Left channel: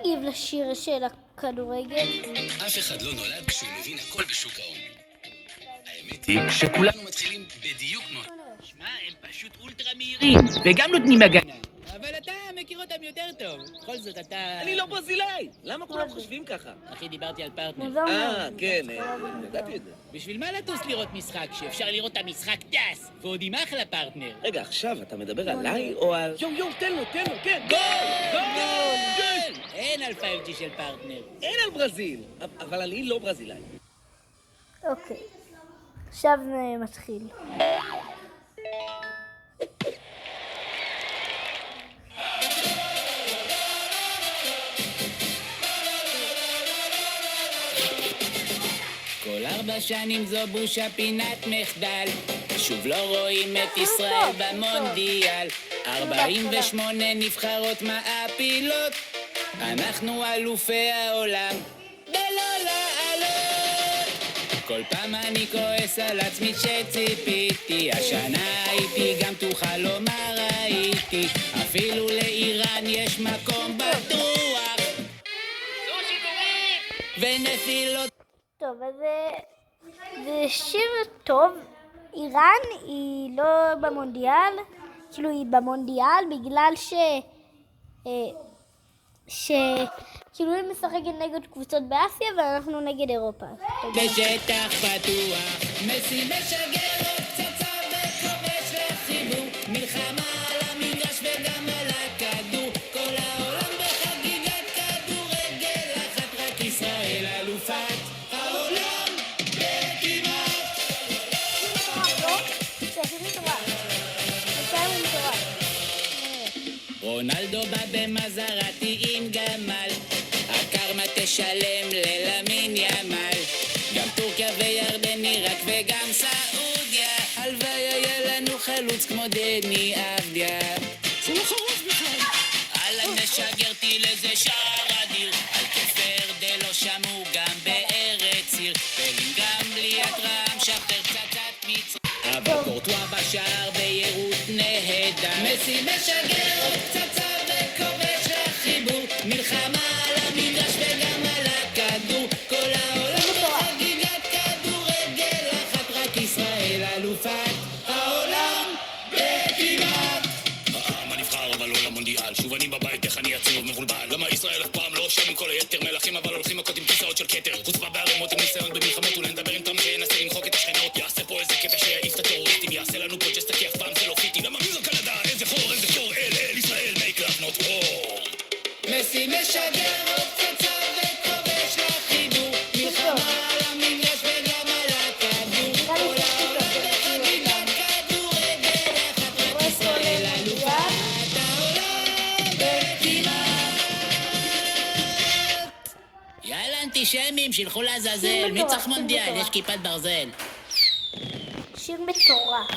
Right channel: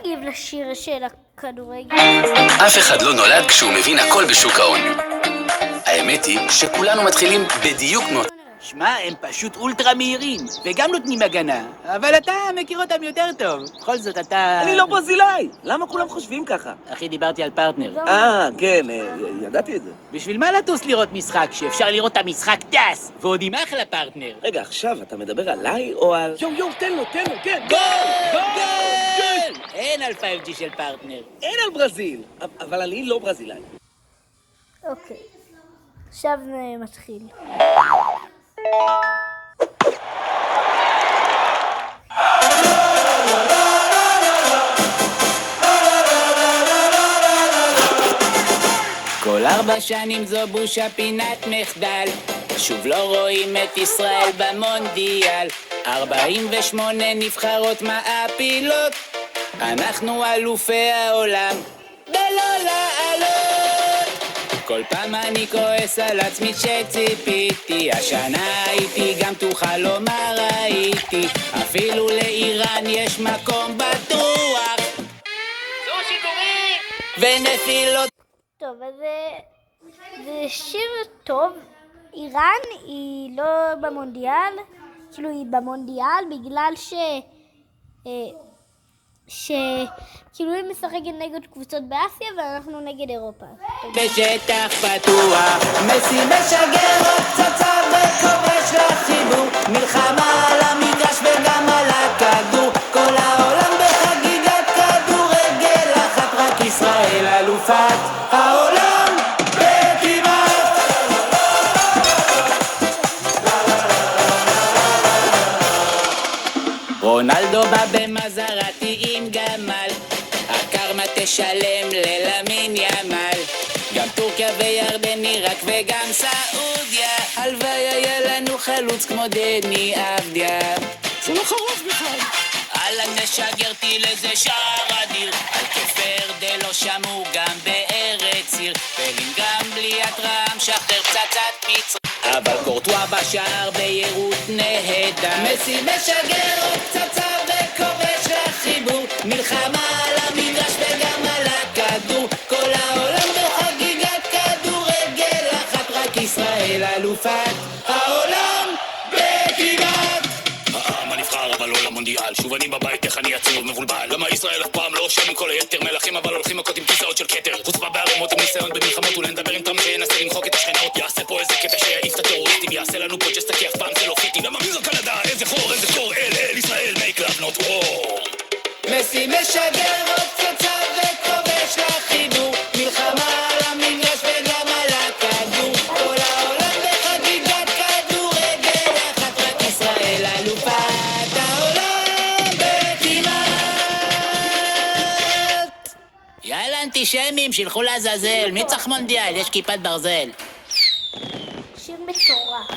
נגיב לשיר של הכדורגל? אף אחד לא נולד כשהוא מבין הכל בשוק ההון. האמת היא שכולנו מתחילים בדיוק כמו... שמע, הם פשוט אולטרה מהירים, וגם נותנים הגנה. אבל אתה מכיר אותם יותר טוב. בכל זאת, אתה... אני לא ברזילאי! למה כולם חושבים ככה? אחי, דיברתי על פרטנר. כן, ידעתי את זה. בשביל מה לטוס לראות משחק, שאפשר לראות את המשחק טס, ועוד עם אחלה פרטנר? רגע, עכשיו אתה מדבר עליי או על... יו, תן לו, כן! גול! אין על 5G של פרטנר. אין על ברזיל! אבל אני לא ברזילאי. אוקיי, עכשיו מתחיל. כל 4 שנים זו בושה פינת מחדל, שוב לא רואים את ישראל במונדיאל. 48 נבחרות מעפילות, אנחנו אלופי העולם ולא לעלות. כל פעם אני כועס על עצמי שציפיתי, השנה הייתי גם תוכל לומר ראיתי, אפילו לאיראן יש מקום בטוח. זו שידורים ונפילות. טוב, אז זה שיר טוב. איראן היא לא במונדיאל, כאילו היא במונדיאל בגלל כאילו היא משחקת נגד קבוצות באסיה ואנחנו נגד אירופה. בשטח פתוח, מסי משגר עוד פצצה וכובש לחיבור, מלחמה על המגרש וגם על הכדור, כל העולם בחגיגת כדורגל אחת, רק ישראל אלופת העולם וכמעט. רונלדו בא במזרתי עם גמל, הקרמה תשלם ללמין ימל, גם טורקיה וירדן, עיראק וגם סעודיה, הלוואי היה לנו חלוץ כמו דני אבדיה. זה לא חרוף בכלל. אללה תשגרתי לזה שער אדיר, על כפר דלו שמעו גם בארץ עיר, גם בלי התרם שחרר פצצת מצרים, אבל קורטואה בשער בהירות נהדה, מסי משגר עוד פצצה וכובש לחיבור, מלחמה על המגרש וגם על הכדור, כל העולם בחגיגת כדורגל אחת, רק ישראל אלופת העולם וכמעט. העם הנבחר אבל לא למונדיאל, שוב אני בבית איך אני עצוב מבולבל, למה ישראל אף פעם לא שם כל היתר מלכים אבל הולכים מכות עם כיסאות של כתר, חוצפה בערימות עם ניסיון במלחמות ולנדבר עם טראמפ שינסה למחוק את השכנות, יעשה פה איזה קטע שיעיף את הטרוריסטים, יעשה לנו פה ג'סטה כי אף פעם זה לא פיטי, למה מי זו קנדה, איזה חור, איזה קור, אל ישראל, make love not war. מסי משגר עוד פצצה וכובש לחיבור, מלחמה על המגרש וגם על הכדור, כל העולם בחגיגת כדורגל אחת, רק ישראל אלופת העולם וכמעט. יאללה אנטישמים, שילכו לעזאזל, מי צריך מונדיאל? יש כיפת ברזל. שיר מטורף.